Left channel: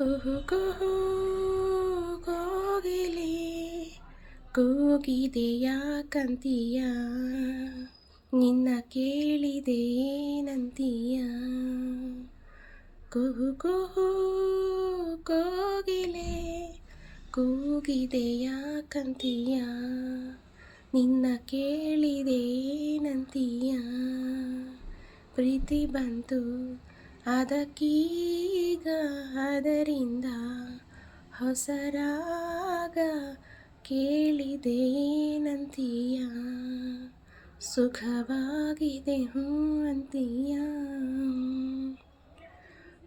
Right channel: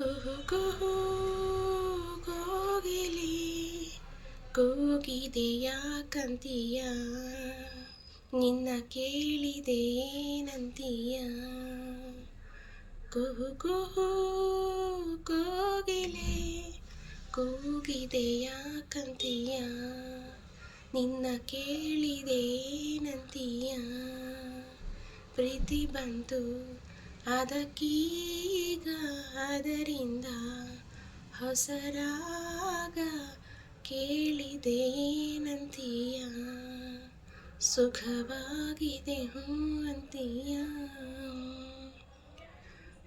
ಕುಹು ಕುಹು ಕೋಗಿಲೆ ಕೂಗಿದೆಯ ಕಂತೀಯ ನಿನ್ನ ಕೇಳಿದೆ ಏನಂತೀಯ. ಕುಹು ಕುಹು ಕೋಗಿಲೆ ಕೂಗಿದೆಯ ಕಂತೀಯ ನಿನ್ನ ಕೇಳಿದೆ ಏನಂತೀಯ. ಪ್ರೀತಿ ಬಂತು ಅದಕ್ಕೀಗ ಅದರಿಂದ ಹೊಸರಾಗ ಕೇಳಿದೆ ಏನಂತೀಯ. ಸುಖವಾಗಿದೆ ಅಂತೀಯ.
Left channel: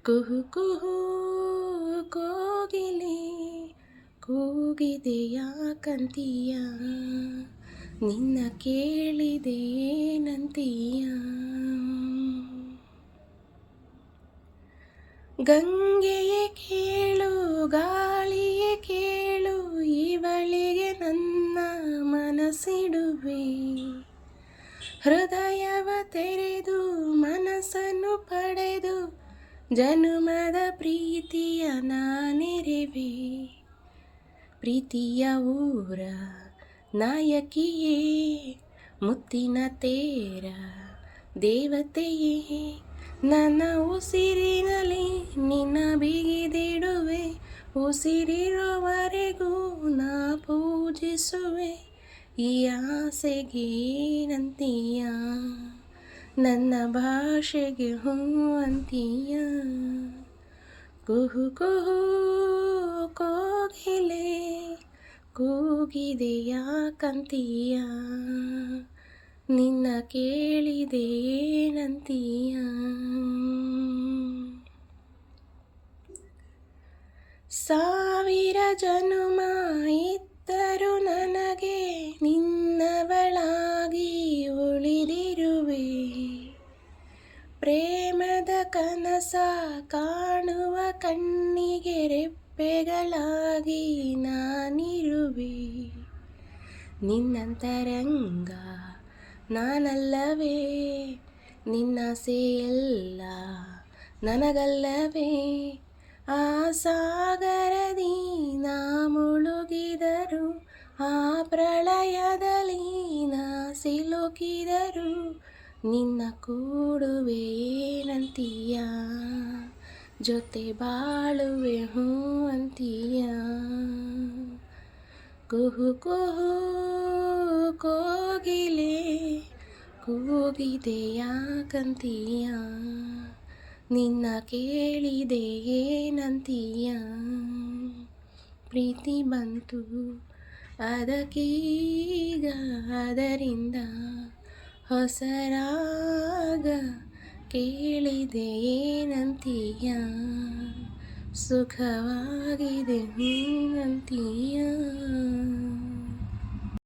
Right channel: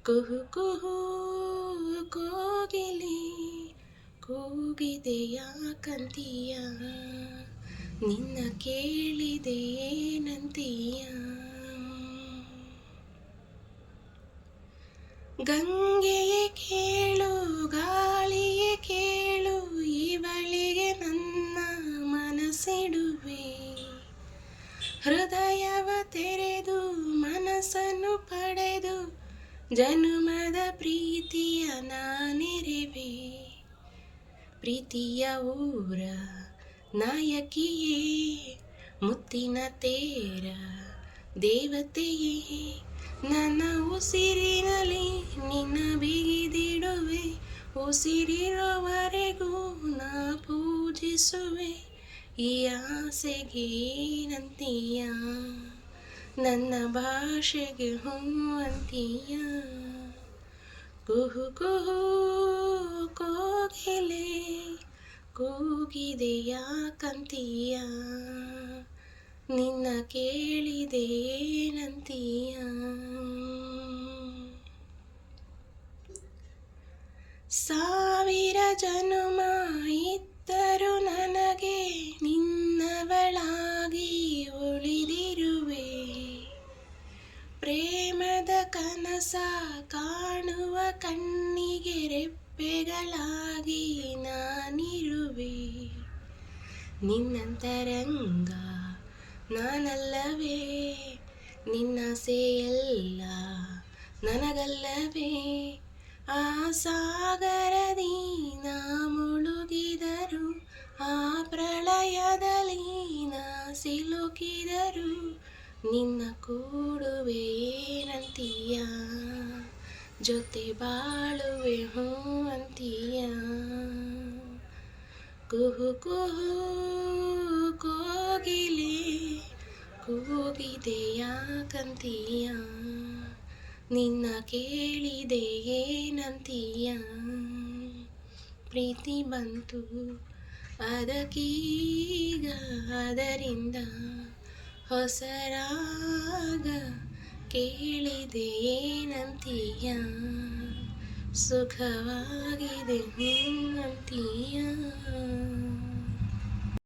ಕುಹು ಕುಹು ಕೋಗಿಲೆ ಕೂಗಿದೆಯ ಕಂತೀಯ ನಿನ್ನ ಕೇಳಿದೆ ಏನಂತೀಯ. ಗಂಗೆಯೇ ಕೇಳು ಗಾಳಿಯೇ ಕೇಳು ಇವಳಿಗೆ ನನ್ನ ಮನಸ್ಸಿಡುವೆ. ಹೃದಯವ ತೆರೆದು ಮನಸ್ಸನ್ನು ಪಡೆದು ಜನುಮದ ಪ್ರೀತಿಯ ನಾನೆರೆವೆ. ಪ್ರೀತಿಯ ಊರ ನಾಯಕಿಯೇ ಮುತ್ತಿನ ತೇರ ದೇವತೆಯೇ ನನ್ನ ಉಸಿರಿನಲ್ಲಿ ನಿನ್ನ ಬಿಗಿದಿಡುವೆ. ಉಸಿರಿರುವವರೆಗೂ ನಾ ಪೂಜಿಸುವೆ. ಈ ಆಸೆಗೆ ಏನಂತೀಯ ನನ್ನ ಭಾಷೆಗೆ ಹೂ ಅಂತೀಯ. ಕುಹು ಕುಹು ಕೋಗಿಲೆ ಕೂಗಿದೆಯ ಕಂತೀಯ ನಿನ್ನ ಕೇಳಿದೆ ಏನಂತೀಯ. ಸಾವಿರ ಜನುಮ ಇದ್ದರೂ ನನಗೆ ನಿನ್ನವಳಾಗಿ ಉಳಿದಿರುವೆ. ಪ್ರೇಮದ ಕನಸ ಕಾಣುವ ಕಣ್ಣಿಗೆ ರೆಪ್ಪೆಗಳಾಗಿ ನಾನಿರುವೆ. ನಿನ್ನಂತರಂಗ ನಾನಲ್ಲವೇ ನಿನ್ನಾಸೆಯೆಲ್ಲ ನನಗಲ್ಲವೇ. ಆ ಸಾಗರದಿ ನಾ ಮುಳುಗಿದರು ಆ ಪ್ರಳಯದಲ್ಲಿ ನಾ ಸಿಲುಕಿದರು ನಿನ್ನ ಕೂಡುವೆ ಏನಂತೀಯ. ಜೊತೆ ಬಾಳುವೆ ಹೂ ಅಂತೀಯ. ಕುಹು ಕುಹು ಕೋಗಿಲೆ ಕೂಗಿದೆಯ ಕಂತೀಯ ನಿನ್ನ ಕೇಳಿದೆ ಏನಂತೀಯ. ಪ್ರೀತಿ ಬಂತು ಅದಕ್ಕೀಗ ಅದರಿಂದ ಹೊಸರಾಗ ಕೇಳಿದೆ ಏನಂತೀಯ. ಸುಖವಾಗಿದೆ ಅಂತೀಯ.